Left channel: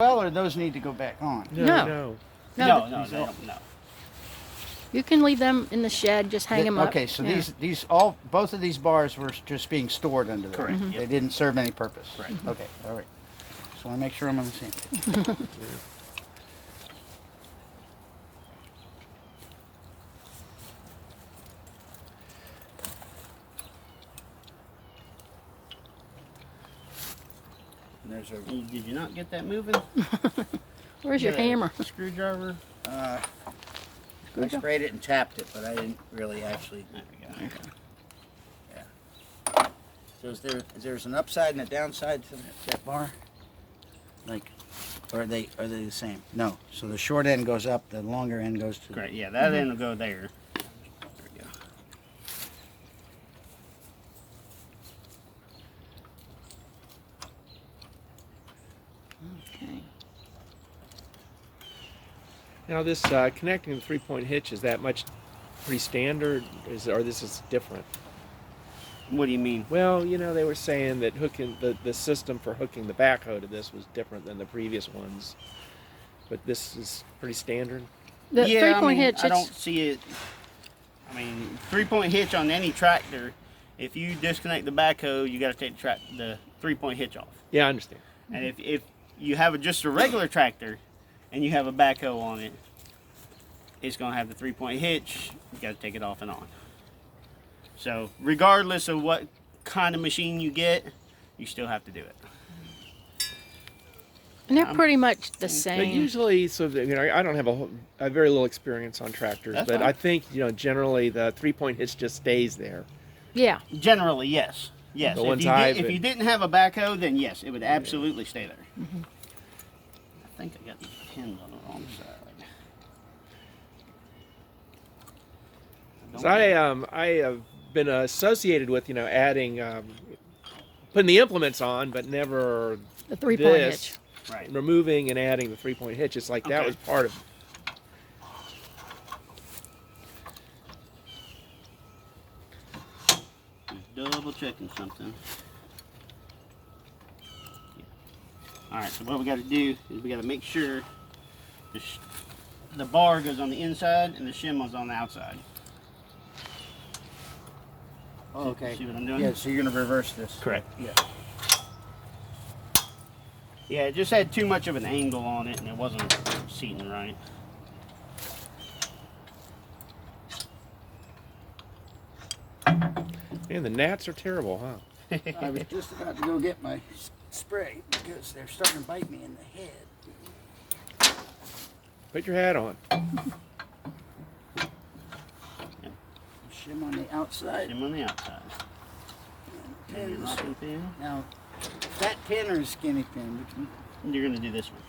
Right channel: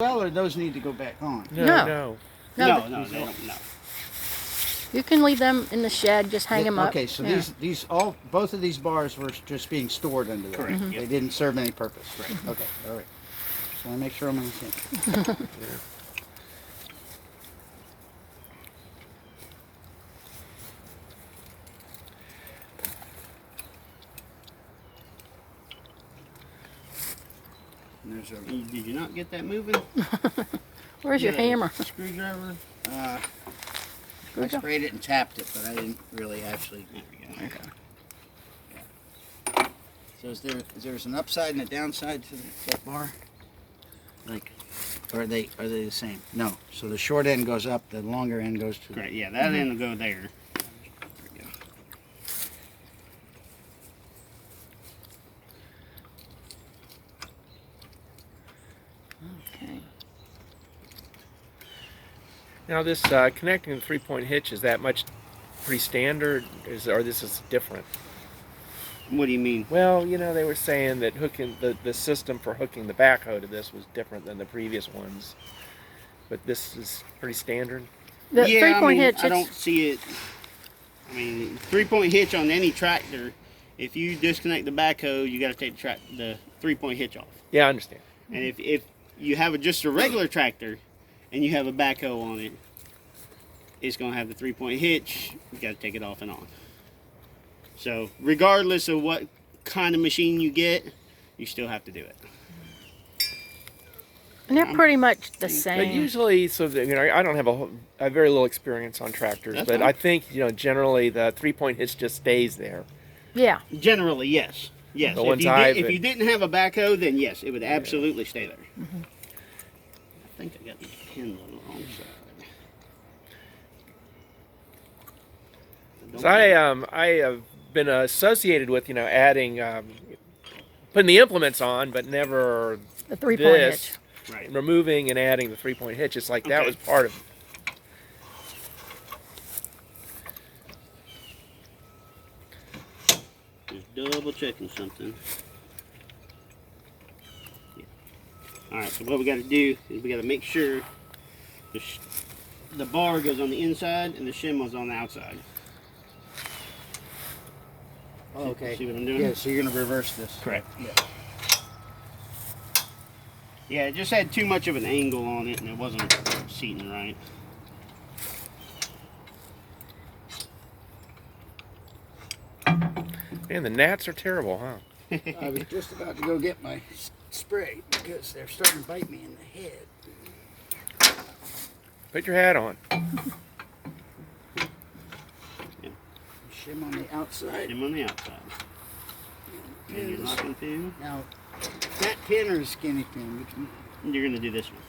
well, or those need to go back on? No. No, they don't. No. You can leave them in the shed, just hang them up. Okay, so Yeah. both of these bars were just being stored under there. Correct. Mm-hmm. They didn't serve any purpose. Right. Okay, all right. So I make sure I'm on the same page. And there's a Did you not get that moving? Where's your hammer? Screwdriver. I Screwdriver? sprayed it and tapped it, but I didn't really actually. There we go. Okay. Yeah. So there's an upside and a downside to that bar? Like, or are they the same? No. So the short end goes up, the longer end goes to. Correct. Yeah, that end will go there. There we go. Okay. Now this connecting the three-point hitch, is that much pretty standard, or this is different? What do you mean? Well, you know, they were saying that hooking the system for hooking the backhoe to this was different than the previous ones, but this is pretty standard. The yeah, three-point hitch. I don't see it. I mean, three-point hitch on any tractor. If you disconnect the backhoe, you got to take the three-point hitch off. Yeah, I understand. And if you have just a regular tractor and you have a backhoe on it, it's going to have the three-point hitch. You got to take it off and on. So regardless of what kind of machine you get, you still have to do it. And they're pretty much the But same. usually, so that, you know, I don't have I have very little experience on tractors, That's but fine. I think, you know, generally the three-point hitch just stays there. Yeah. Generally, yes. Yes. The If ones if you didn't have a backhoe, then yes, it would absolutely stay there. Mm-hmm. I think I got these pins on the wrong side. So I have been associated with, you know, adding, putting the implements on, but never The three-point hitch. this, Right. removing and adding the three-point hitch. It's like that Okay. was part of it. Just double checking something. Alright, so what we got to do is we got to make sure the bar goes on the inside and the shim is on the outside. Oh, okay. See what I'm doing? Yeah, so you're going to reverse this. Correct. Yeah. Yeah, it just had too much of an angle on it and it wasn't seating right. Man, the gnats are terrible, huh? I was just about to go get my spray because they're starting to bite me in the head. Put your hat on. Shim on the outside. Shim on the outside. And your locking pin. Now, that pin or a skinny pin, You're going to do this one.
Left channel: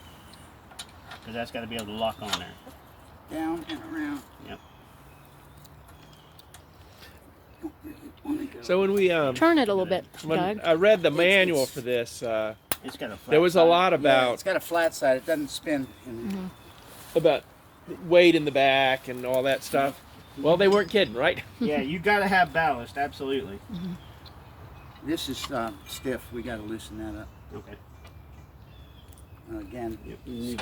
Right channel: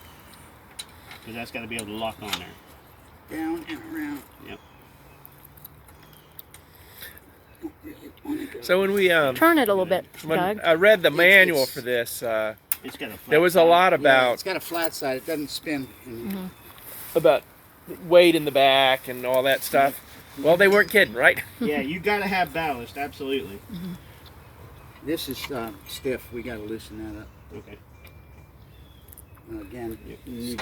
Because that's got to be able to lock on there. down and around. Yep. Don't really want to go. So when we Turn it a little bit, when Doug. I read the manual it's- for this, It's got a flat there was a side. lot Yeah, about it's got a flat side. It doesn't spin. about weight in the back and all that stuff. Well, they weren't kidding, right? Yeah, you got to have ballast, absolutely. This is stiff. We got to loosen that up. Okay. Again, You need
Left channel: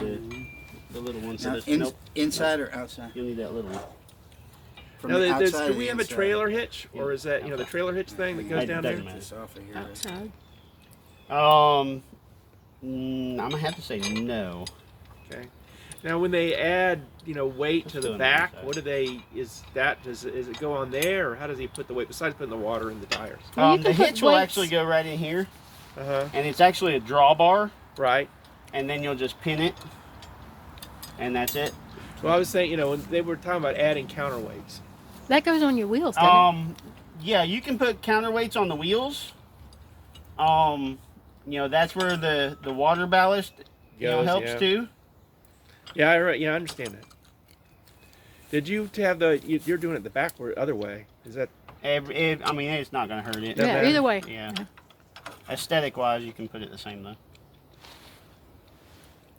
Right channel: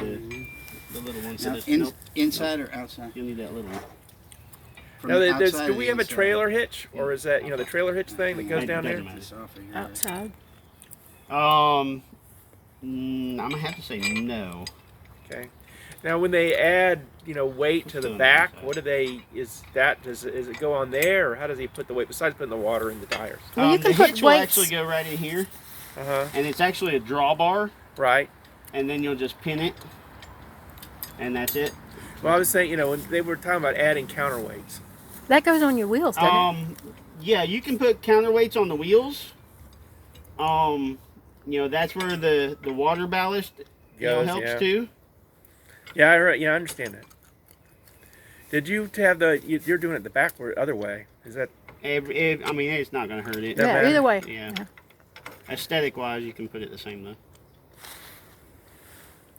the little one. So now, this, in, inside or outside? You'll need that little one. From Now, the there's, outside do or we the have a inside? trailer hitch, or is that, you know, the trailer hitch thing that goes down there? Doesn't matter. This off of here. Outside. I'm gonna have to say no. Okay. Now, when they add, you know, weight to the Still on the back, inside. what do they? Is it go on there, or how does he put the weight besides putting the water in the tires? Well, you can the put hitch will weights. actually go right in here, Uh huh. and it's actually a drawbar, Right. and then you'll just pin it, and that's it. Well, I was saying, you know, when they were talking about adding counterweights. That goes on your wheels, doesn't it? Yeah, you can put counterweights on the wheels. You know, that's where the water ballast helps yeah. too. Yeah, I understand that. Did you have you're doing it the backward other way? Is that? I mean, it's not gonna hurt it. No. Yeah, matter. either way. Yeah. Aesthetic wise, you can put it the same though.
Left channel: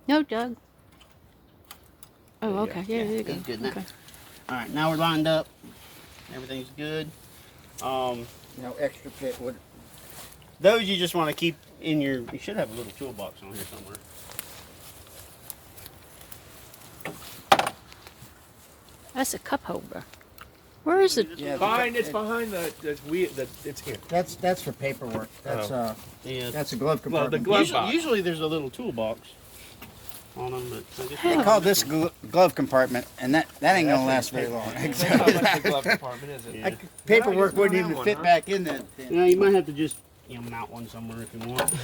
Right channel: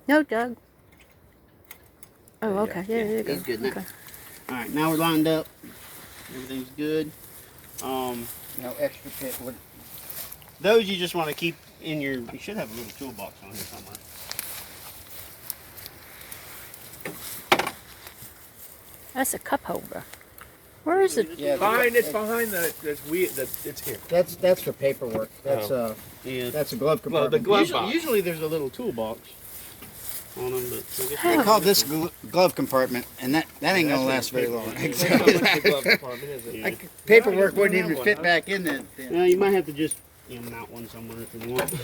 No, Doug. Oh, Yeah, okay. Yeah, yeah, there you go. that's good now. Okay. All right, now we're lined up. Everything's good. No extra pit. Those you just want to keep in your. You should have a little toolbox on here somewhere. That's a cup holder. Where is it? Yeah, It's behind it's here. That's for paperwork. That's Yeah. that's a glove Well, the compartment. glove box. Usually there's a little toolbox on them, but I guess They call this glove compartment, and that ain't gonna last very long. Exactly. The glove compartment, is it? Yeah. Paperwork wouldn't have even one, fit huh? back in that. No, you might have to just mount one somewhere if you want.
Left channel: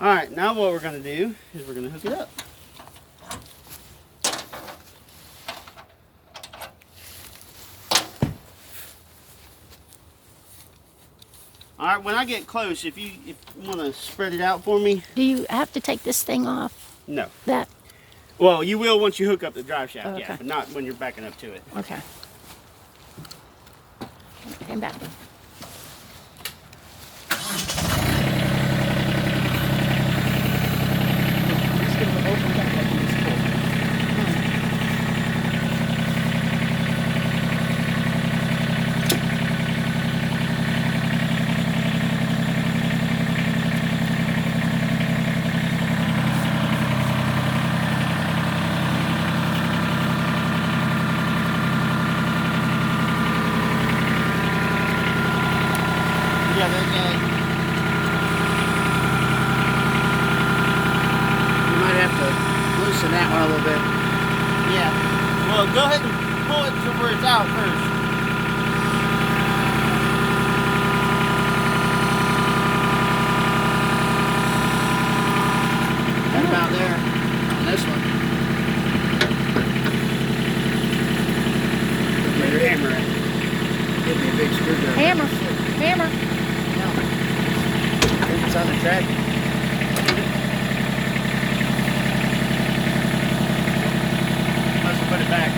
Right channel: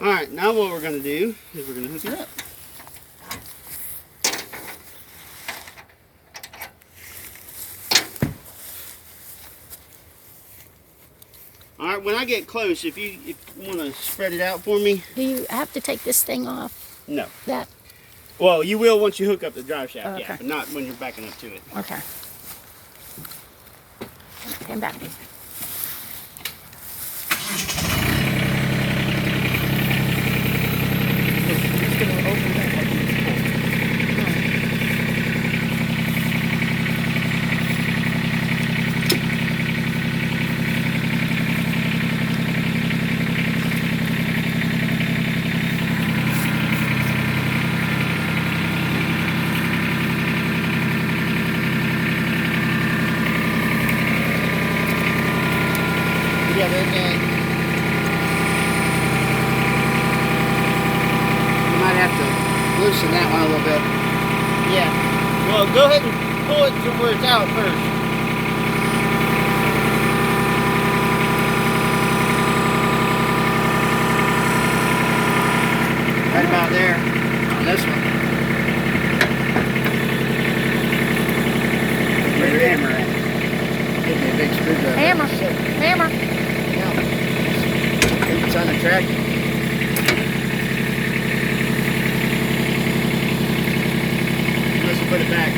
All right, now what we're gonna do is we're gonna hook it up. All right, when I get close, if you want to spread it out for me. Do you have to take this thing off? No. That. Well, you will once you hook up the drive shaft, Oh, yeah, okay. but not when you're backing up to it. Okay. Come back. You might have to loosen that one a little bit. Yeah. Well, go ahead and pull it to where it's out first. Right about there on this one. Give me a hammer. Give me a big screwdriver. Hammer. Hammer. It's on the track. Let's put it back.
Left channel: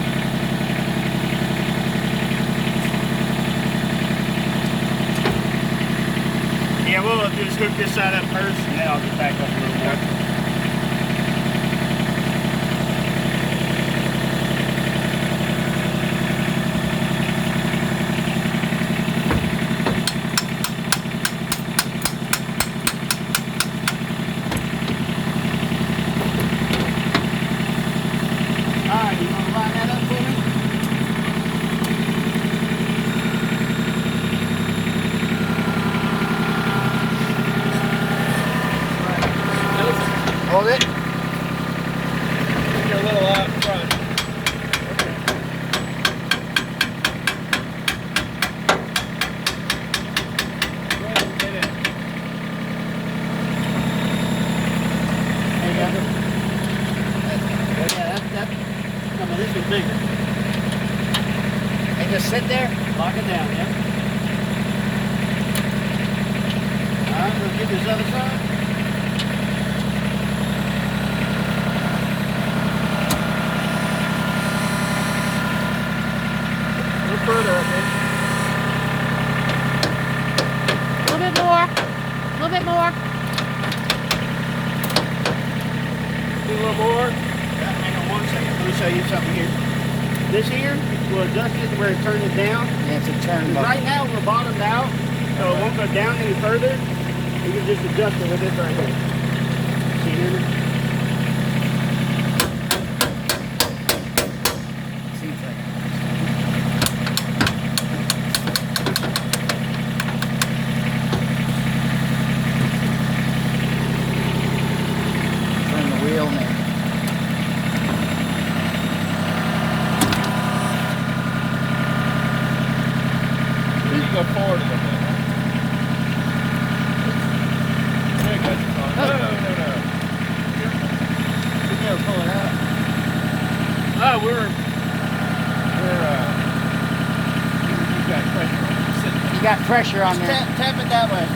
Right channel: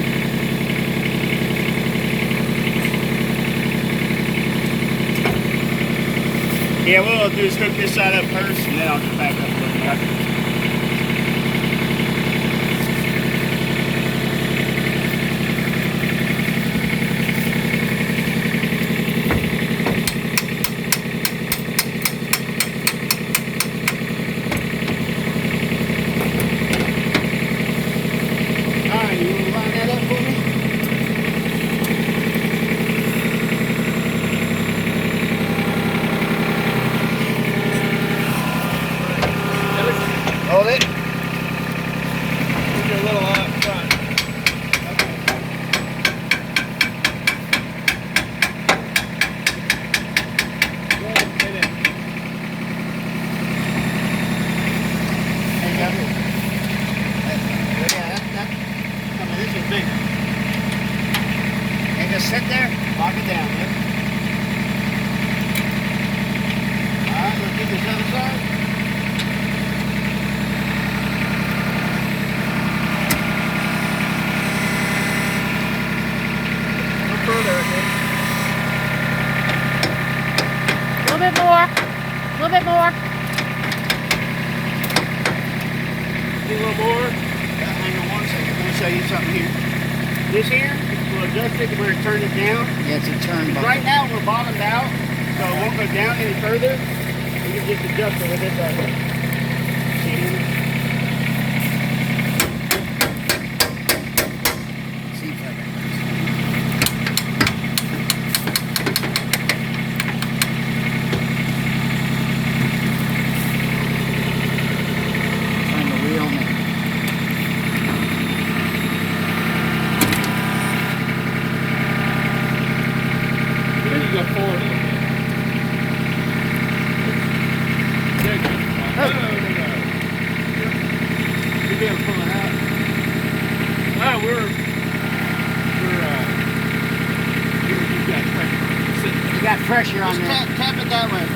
Yeah, what I'll do is hook this side up first, and then I'll get back up a little more. Alright, you want to line that up for me? Hold it. A little up front. This is bigger. And just sit there. Lock it down, yeah. Alright, we'll get this other side. No further, I think. A little bit more. A little bit more. A little more. Hang on one second. Let me show you something here. This here, we'll adjust it to where it turns it down. Yeah, it's a turn button. Right now we're bottomed out, so it won't go down any further. We can just adjust it with this right here. See here? See if I- On the wheel now. You need to go forward a little bit. There it goes. No. You gotta pull it out. Oh, we're you got pressure. You got pressure on Just the. tap it that way.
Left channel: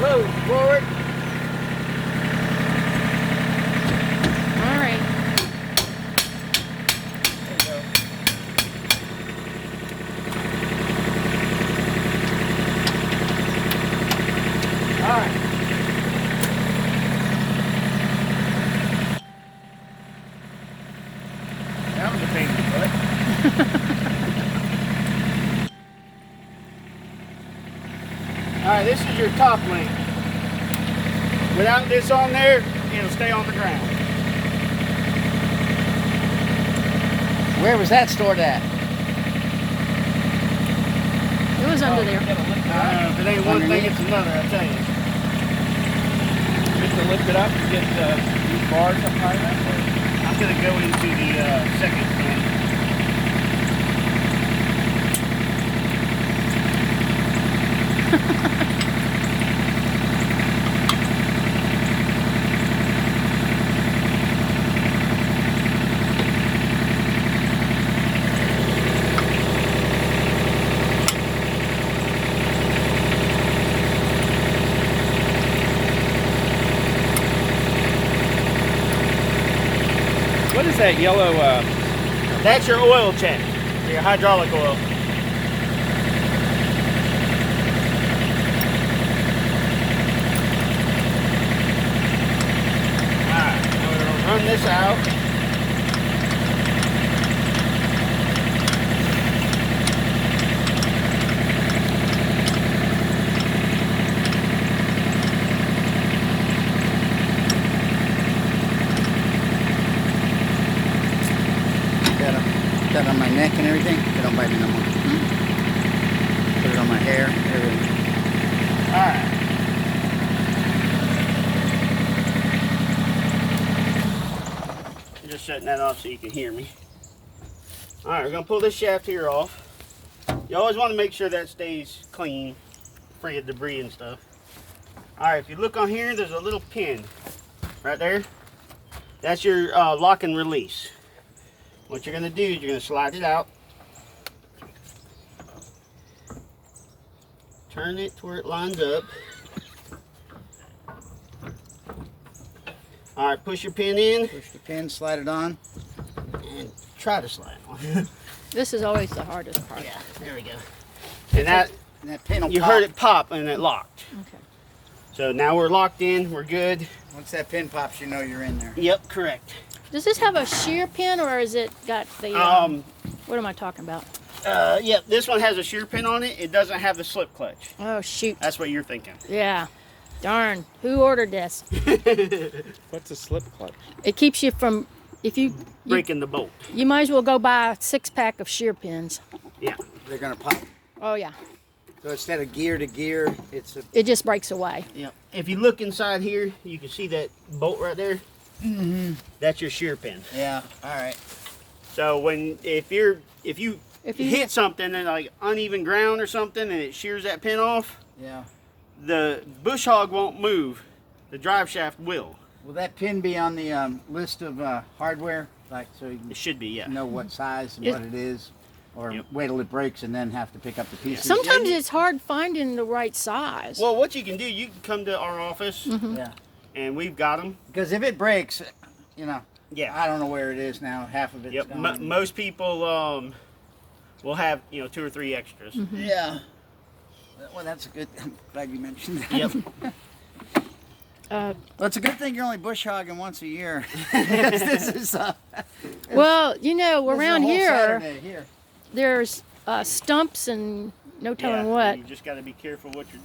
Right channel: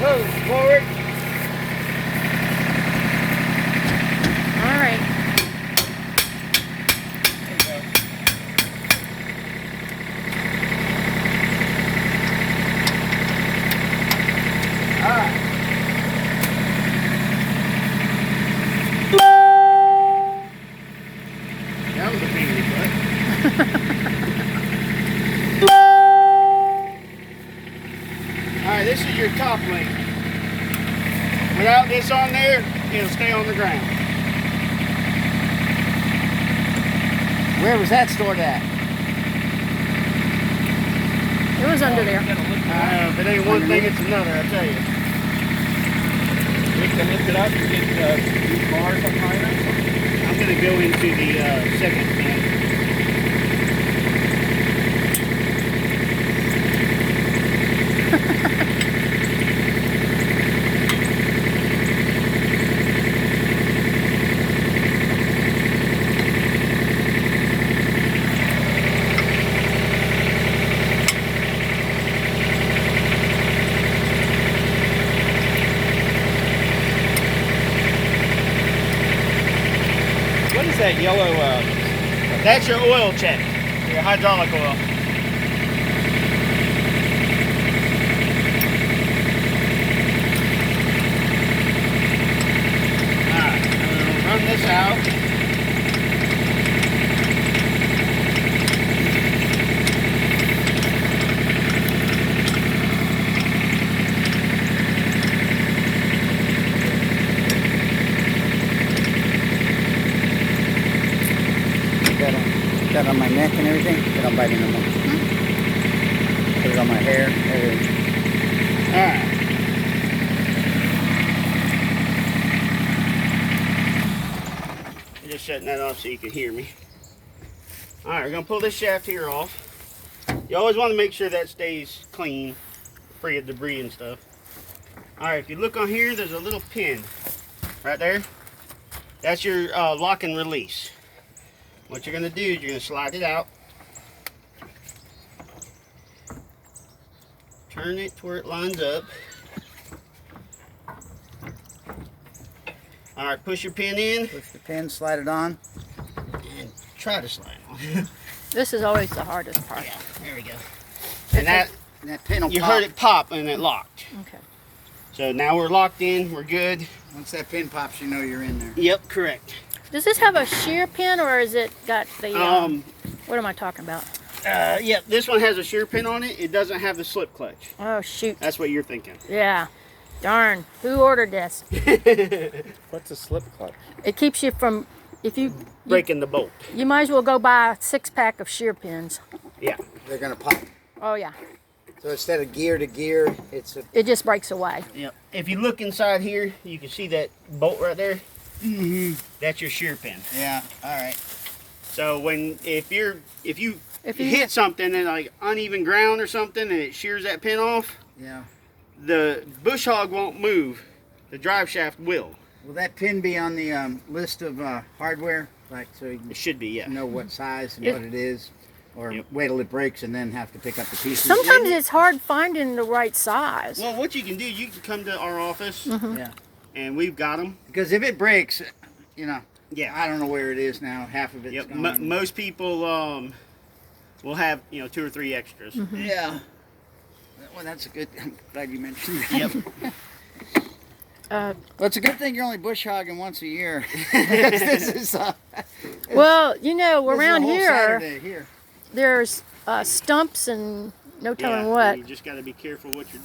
Go forward. All right. There you go. All right. That was a big request. this is your top link. Without this on there, it'll stay on the ground. Where was that stored at? It was under there. If it ain't one thing, it's another, I tell you. You can lift it up and get these bars up higher. I'm gonna go into the second pin. What is that yellow? That's your oil check, your hydraulic oil. Alright, we'll run this out. Got on my neck and everything. It don't bite me no more. Put it on my hair, everything. Alright. Just shutting that off so you can hear me. Alright, we're going to pull this shaft here off. You always want to make sure that stays clean, free of debris and stuff. Alright, if you look on here, there's a little pin right there. That's your lock and release. What you're going to do is you're going to slide it out. Turn it to where it lines up. Alright, push your pin in. Push the pin, slide it on. And try to slide on. This is always the hardest part. Yeah, there we go. And that, pin will you pop. heard it pop and it locked. Okay. So now we're locked in, we're good. Once that pin pops, you know you're in there. Yep, correct. Does this have a shear pin or is it got the, what am I talking about? Yep, this one has a shear pin on it. It doesn't have the slip clutch. Oh, shoot. That's what you're thinking. Yeah. Darn. Who ordered this? What's a slip clutch? It keeps you from, if you Breaking the bolt. you might as well go buy a 6-pack of shear pins. Yeah. They're gonna pop. Oh, yeah. So instead of gear to gear, it's a. It just breaks away. Yep. If you look inside here, you can see that bolt right there. Mm-hmm. That's your shear pin. Yeah. All right. So if you hit something and like uneven ground or something and it shears that pin off, Yeah. the bush hog won't move. The drive shaft will. Will that pin be on the list of hardware, like so you It should be, yeah. can know what size and It- what it is, or Yep. wait till it breaks and then have to pick up the pieces? Sometimes it's hard finding the right size. Well, what you can do, you can come to our office Yeah. and we've got them. Because if it breaks, you know, Yeah. I don't know where it is now. Half of it's Yep. gone. Most people will have 2 or 3 extras. Yeah. Well, that's a good. I'm glad you mentioned that. Yep. Uh, Well, it's a good thing you're only bush hogging once a year. this is well, you know, this is a around whole here, Saturday here. there's stumps and no telling Yeah, what. You just got to be careful what you're doing.